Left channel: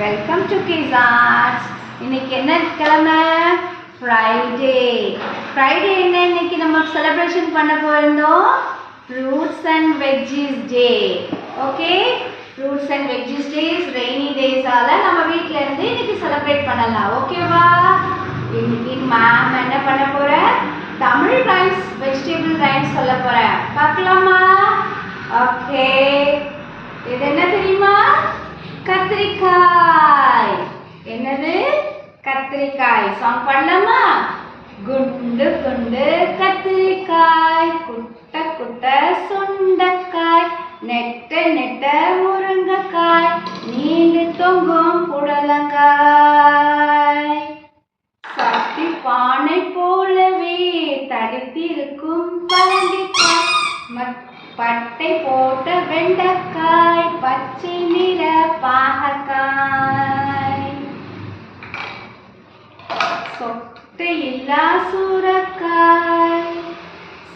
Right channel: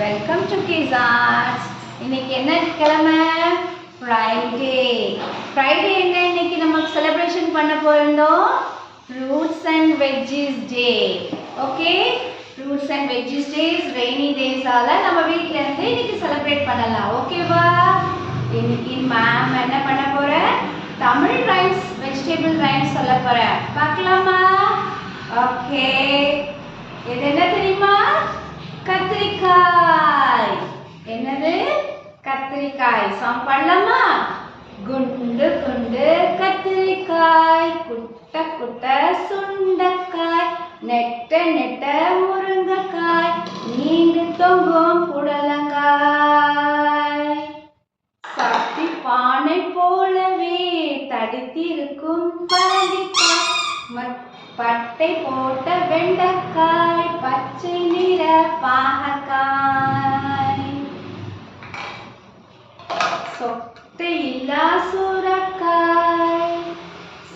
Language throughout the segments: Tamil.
Welcome to kids arts. இன்னைக்கு என்ன கிழமை? ஃப்ரைடே. ஃப்ரைடே என்ன இன்னைக்கு நம்ம செலிப்ரேஷன் பண்ண போயிருந்தோம்? Fruits and veggies day. Okay, fruits and veggies days rainy டேஸால நம்ம வீட்ல இருந்து இன்னைக்கு செலிப்ரேட் பண்ணலாம். ஓகேவா? இன்னைக்கு மேம் என்ன பண்ண போற? தமிழ் ரைம்ஸ், வெஜிடபிள் ரைம்ஸ் சொல்ல போறேன். பார்க்கலாமா? ஓகே, இது என்ன தெரியுமா? கத்திரிக்காய். என்னது? கத்திரிக்காய். சாங் பண்ணலாமா? குண்டு குண்டு கத்திரிக்காய், குட்ட குட்ட சுண்டைக்காய், நெட்ட நெட்ட முருங்கைக்காய், நீண்டு தொங்கும் புடலங்காய், சட்டி பானை போலவே தடித்திருக்கும் பரங்கிக்காய், பட்டை போட்ட வெண்டைக்காய், பச்சை நிற பாகக்காய், சொட்டையில்லா சுரக்காய்,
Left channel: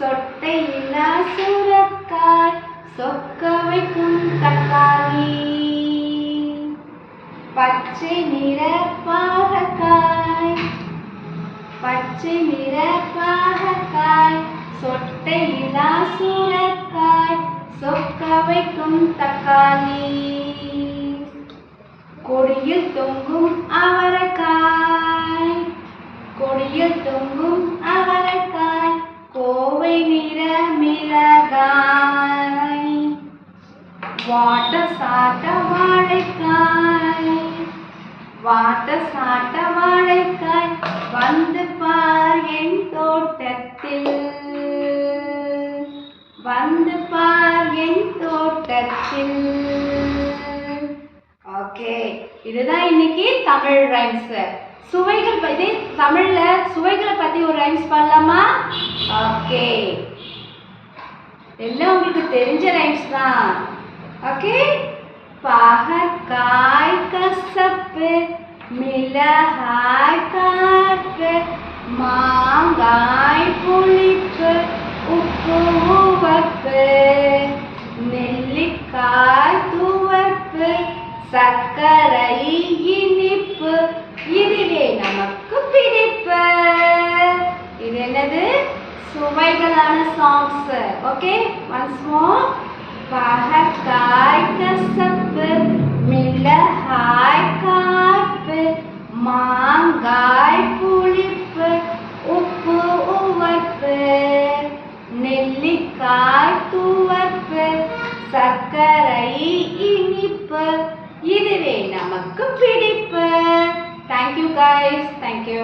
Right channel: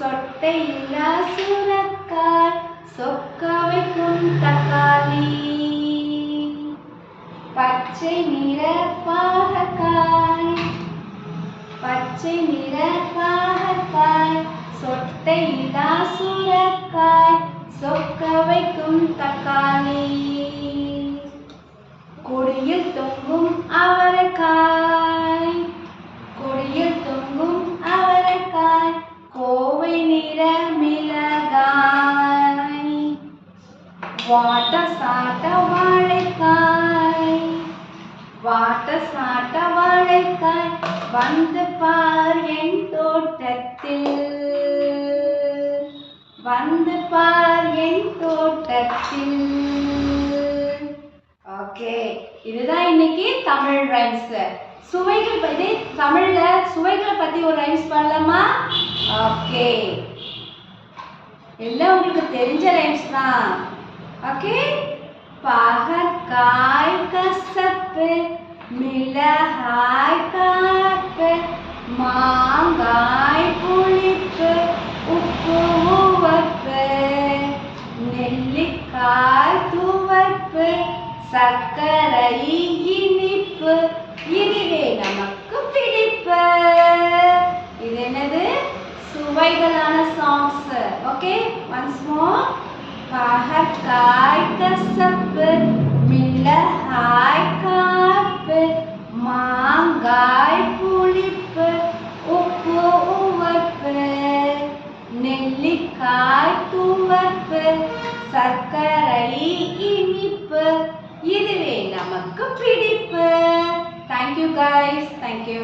சொட்டையில்லா சுரக்காய், சொக்க வைக்கும் தக்காளி, பச்சை நிற பாகக்காய், பச்சை நிற பாகக்காய், சொட்டையில்லா சுரக்காய், சொக்க வைக்கும் தக்காளி, கொடியில் தொங்கும் அவரைக்காய், கொடியில் தொங்கும் அவரைக்காய், கோவை நிற மிளகாய், வாட்ட சாட்ட வாழைக்காய், வாட்ட சாட்ட வாழைக்காய், வந்து பார் என் தோட்டத்தில், வந்து பார் என் தோட்டத்தில். ஓகே, இதுதான் இன்னைக்கு தமிழ் ரைம்ஸ். சுவைகள் பத்தி தமிழ்ல சுவைகளை பத்தி ஒரு ரைம்ஸ் பண்ணலாமா? ஓகே, எல்லாம் உங்களுக்கு தெரிஞ்ச ரைம்ஸ் தான். ஓகே, பாகற்காய் கசப்பு, மிளகாய் காப்பு, மாங்காய் புளிப்பு, உப்பு உவப்பு, நெல்லிக்காய் துவர்ப்பு, சர்க்கரை இனிப்பு, இதுவே நமக்கு பிடிப்பு. இது என்னது? சுவைகளான சாங்ஸ். Okay, once more. பாகற்காய் கசப்பு, மிளகாய் காப்பு, மாங்காய் புளிப்பு, உப்பு உவர்ப்பு, நெல்லிக்காய் துவர்ப்பு, சர்க்கரை இனிப்பு, இதுவே நமக்கு பிடிப்பு. Thank you guys. Thank you.